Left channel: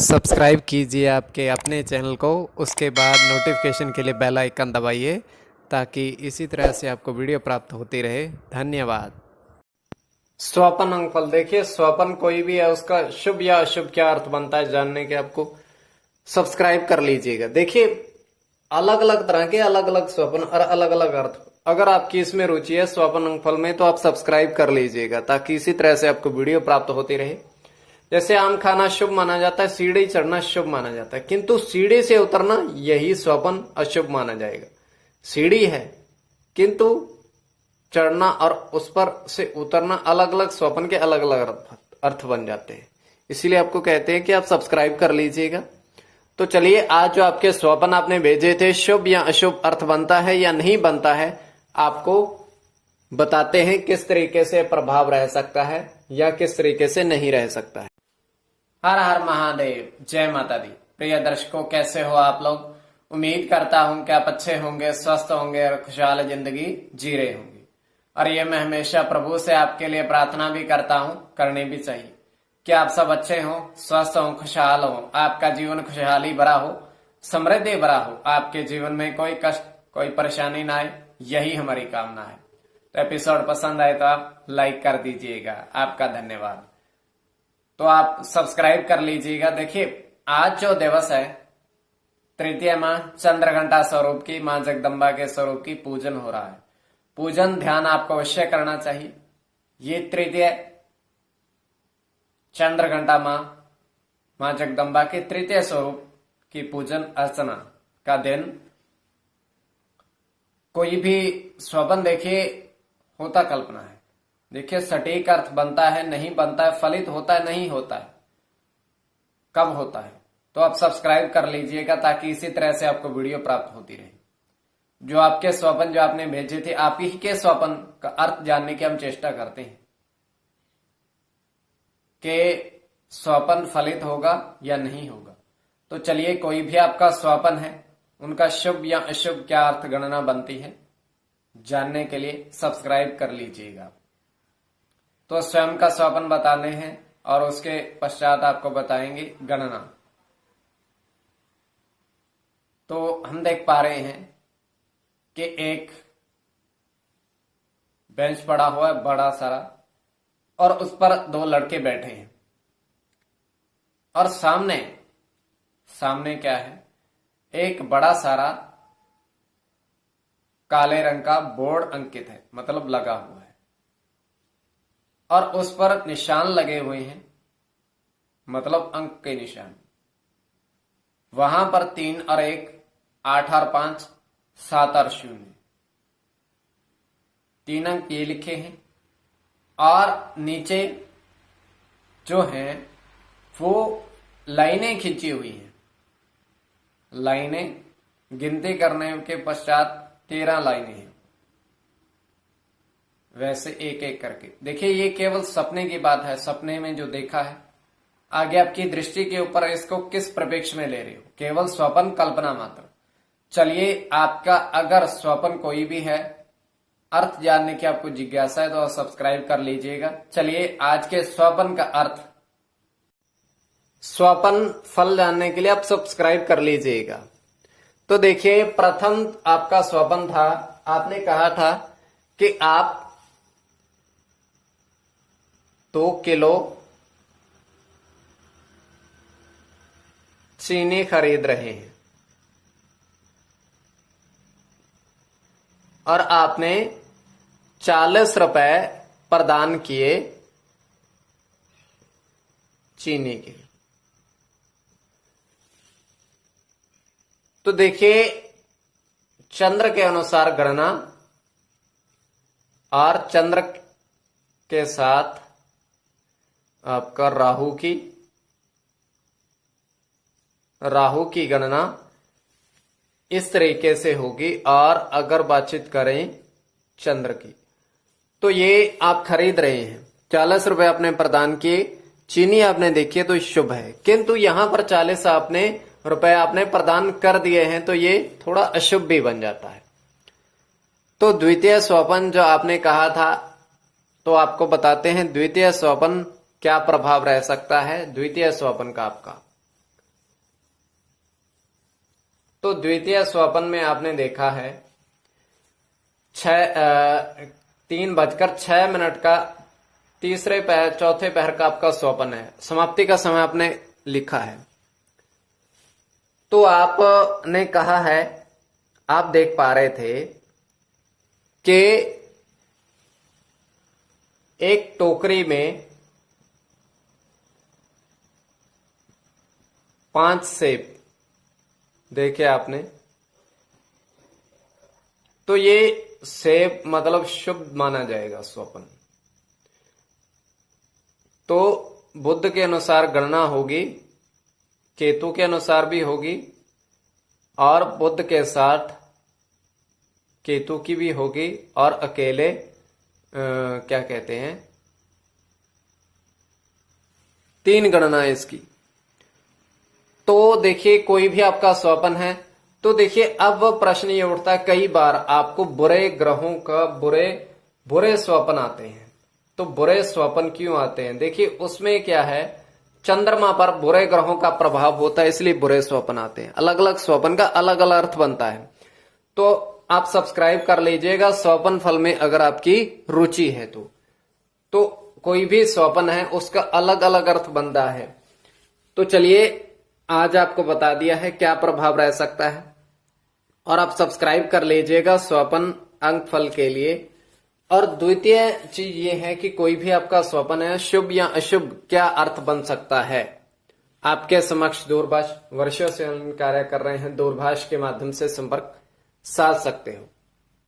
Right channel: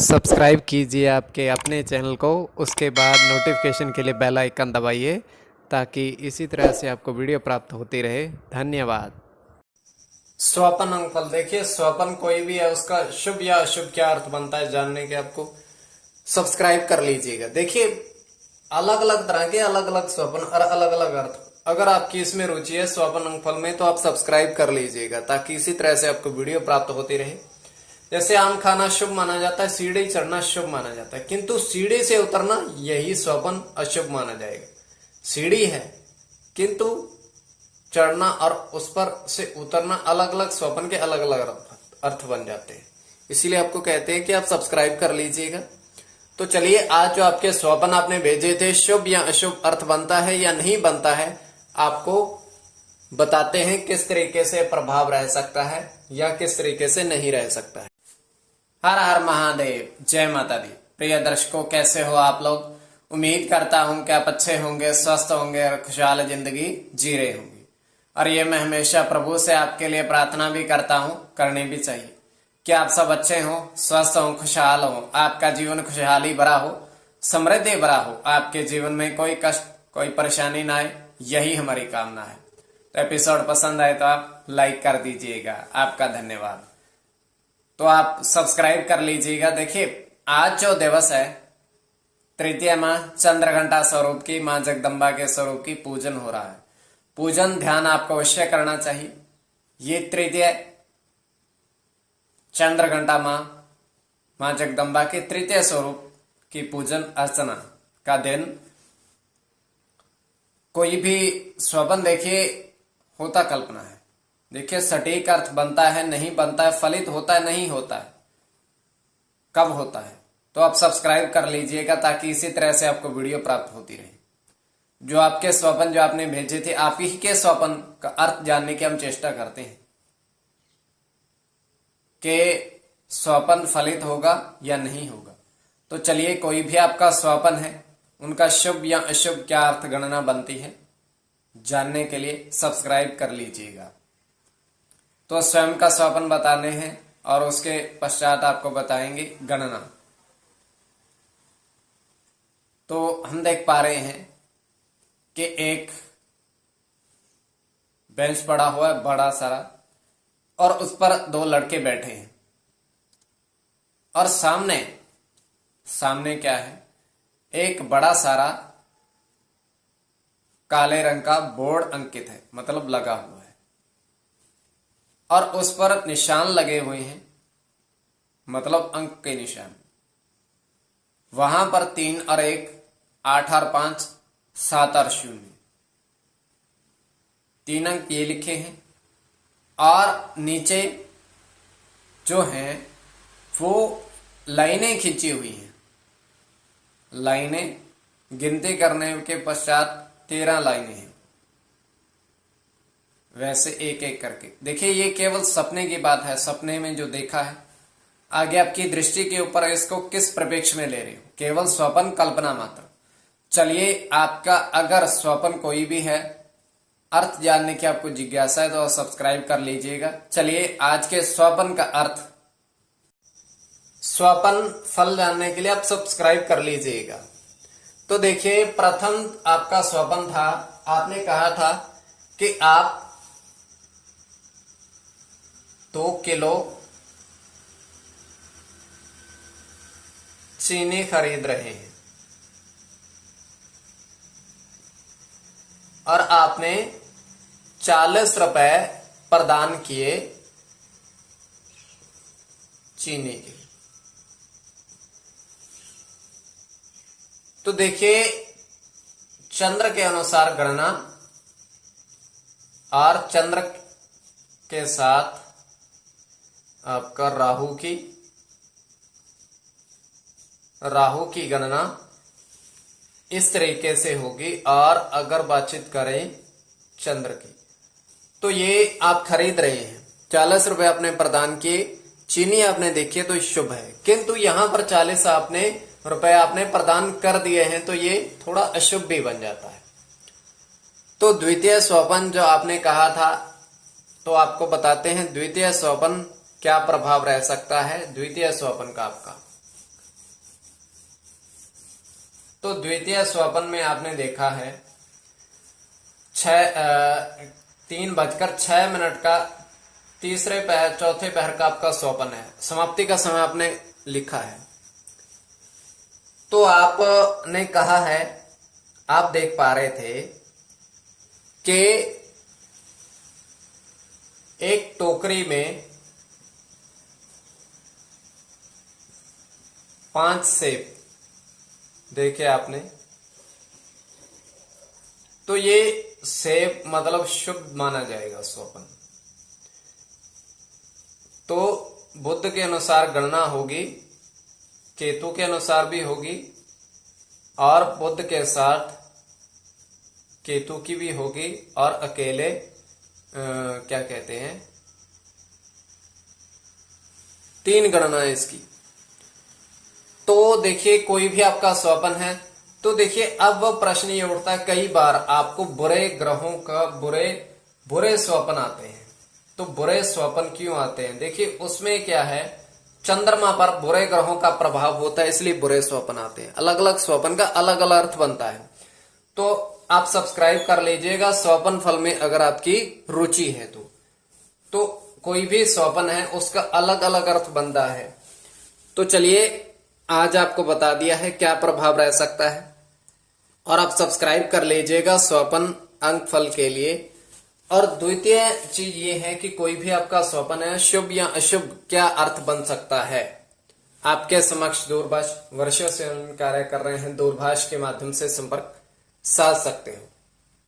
Subscribe कीजिए आपके अपने चैनल को, उसके बाद नोटिफिकेशन के लिए बेल आइकन दबाइए ताकि इसी तरह से आपको वीडियो प्राप्त होती रहे। धन्यवाद। स्वपन अंकफल देखिए, स्वपन कोई भी है उसका शुभ या अशुभ क्या अर्थ बनता है जानने के आपको सब्सक्राइब कर लीजिएगा। देखिए अलग अलग तरह के अलग अलग स्वपन और अलग अलग अर्थ, अगर आपकी इसमें रुचि है स्वपन अंकफल में तो आप सब्सक्राइब कर लीजिएगा ताकि इसी तरह से आपको वीडियो प्राप्त होती रहे। जैसे आम खाना शुभ माना जाता है, सीढ़ी चढ़ना शुभ माना जाता है, किंतु सीढ़ी से उतरना यही स्वपन अशुभ माना जाएगा। सीढ़ी है किंतु चढ़ना और उस पर से उतरना अलग अलग स्वपन के अलग अलग अर्थ बन जाते हैं। इसीलिए आपको कहते हैं कि आप सब्सक्राइब कर लीजिएगा। तो चलिए आज जो आपके स्वपन आपने भेजे थे, शुभ या अशुभ अर्थ बनता है या नहीं बनता है, आपको बताते हैं किस तरीके से प्रभाव रह सकता है या किस तरीके से नहीं रह सकता है। हर हर महादेव, जय माता दी। प्रिय दर्शकों, कैसे हो आप लोग? उम्मीद करता हूं कि आप अच्छे होंगे, स्वस्थ होंगे और खुशहाल जिंदगी जी रहे होंगे। और ये मैं हमेशा प्रभु से आपके लिए प्रार्थना भी करता हूं, करनी भी चाहिए कि आप सब अच्छे हों, स्वस्थ हों, खुशहाल हों, आपका जीवन खुशहाली भरा हो, समृद्धि भरा हो, आपके जीवन में कोई कष्ट कोई परेशानी ना आए, यही हमारी कामना है। तो एपिसोड पसंद आए तो आप लाइक कर दीजिएगा, आपका धन्यवाद। तो आप सब्सक्राइब कर लीजिएगा। देखिए आज जो दिवस है, तृतीया माँ चंद्रघंटा स्वरूप की माँ जगदम्बा के स्वरूप की पूजन हो रहा है। पूजन ध्यान आपको अवश्य करना चाहिए। ये तृतीय चंद्रघंटा माँ जगदम्बा के तृतीय स्वरूप की पूजन अर्चना का दिन। कोई भी स्वपन देखिए होता कल्पना है। देखिए सटीक अर्थ बनता है नहीं बनता है, फलित होता है नहीं होता है, कब होता है। तो आप सब्सक्राइब कर लीजिएगा ताकि इसी तरह से आपको वीडियो प्राप्त होती रहे। जो आपके स्वपन जो आपने भेजे थे, आप ही के स्वपन का अर्थ जानने की हम चेष्टा करते हैं कि स्वपन फलित होगा या नहीं होगा। तो चलिए कोई भी आपका स्वपन है, उनका शुभ या अशुभ क्या अर्थ गणना बनती है जानने के लिए सब्सक्राइब कर लीजिएगा। तो स्वयं का स्वपन बताने हैं और उसके पश्चात आपको बताएंगे गणना। तो हम देख पा रहे हैं कि एक बेंच पड़ा हुआ है बड़ा सारा, और उस पर दो लड़के बैठे हैं और सामने क्या है, एक बड़ा सारा काले रंग का बोर्ड अंकित है, मतलब लगा हुआ है, और उस पर निशान लगे हुए हैं, मतलब अंक के निशान। वहां पर 3 और 1, 8 और 5, 7 और 0, 3 अंक ये लिखे हैं। और नीचे जो हैं वो लाइनें खींची हुई हैं। लाइनें गिनती करने के पश्चात 13 लाइनें हैं, वैसे एक एक करके। देखिए ये केवल सपने की बात है, सपने में जो देखा है। आगे आपकी दृष्टि के ऊपर इसको किस परिप्रेक्ष्य में ले रहे हो, केवल स्वपन कल्पना मात्र। चलिए आपका अगर स्वपन कोई भी है, अर्थ जानने की आपको जिज्ञासा है तो सब्सक्राइब कर लीजिएगा। चलिए आज के स्वपन का अर्थ, स्वपन फल जानने के लिए आप सब्सक्राइब कर लीजिएगा। तो देखिए प्रथम आपका स्वपन था, आपने कहा था कि आप 2 किलो चीनी खरीद रहे हैं और आपने 40 रुपए प्रदान किए चीनी के। तो देखिए चंद्र के अनुसार गणना और चंद्र के साथ आपका राहु की गणना इस तरीके से होगी। और अगर बातचीत करें चंद्र की, तो ये आप खरीद रहे हैं, 40 रुपए आपने प्रदान किए, चीनी आपने देखी तो शुभ है, किंतु यहां पर 40 रुपए आपने प्रदान कर दिए हैं तो ये थोड़ा अशुभ भी बन जाता है। तो द्वितीय स्वपन जो आपने कहा था, तो आपको बताते हैं द्वितीय स्वपन क्या प्रभाव रह सकता है। द्वितीय स्वपन का आपका तो द्वितीय स्वपन में आपने देखा है 3:06 का तीसरे पहर चौथे पहर का आपका स्वपन है, समाप्ति का समय आपने लिखा है। तो आपने कहा है, आप देख पा रहे थे कि एक टोकरी में 5 सेब देखे आपने, तो ये सेब मतलब शुभ माना जाएगा स्वपन। तो बुध के अनुसार गणना होगी, केतु के अनुसार भी होगी, और बुध के साथ केतु की भी होगी, और अकेले क्या कहते हैं 3 गणना है इसकी। तो देखिए कोई भी आपका स्वपन है, तो देखिए अब प्रश्न ये उठता है, कई बार आपको बुरे ग्रहों का बुरे स्वपन आते हैं। तो बुरे स्वपन क्यों आते हैं? देखिए उसमें क्या है, चंद्रमा पर बुरे ग्रहों का प्रभाव होता है, इसलिए बुरे स्वपन आते हैं। अलग अलग स्वपन का अलग अलग अर्थ बनता है। तो आप सब्सक्राइब कर लीजिएगा स्वपन फल में अगर आपकी रुचि है तो कोई भी स्वपन है उसका अलग अलग अर्थ बनता है। तो चलिए आज आपको बता दिया है क्या प्रभाव रह सकता है, और आप सब्सक्राइब कर लीजिएगा स्वपन अंक फल के लिए। और द्वितीय चीज ये है कि कोई भी आपका स्वपन है शुभ या अशुभ क्या अर्थ बन सकता है। आपके समक्ष दूरभाष, वर्षों से हम कार्य कर रहे हैं, दूरभाष के माध्यम से संपर्क साध सकते हैं।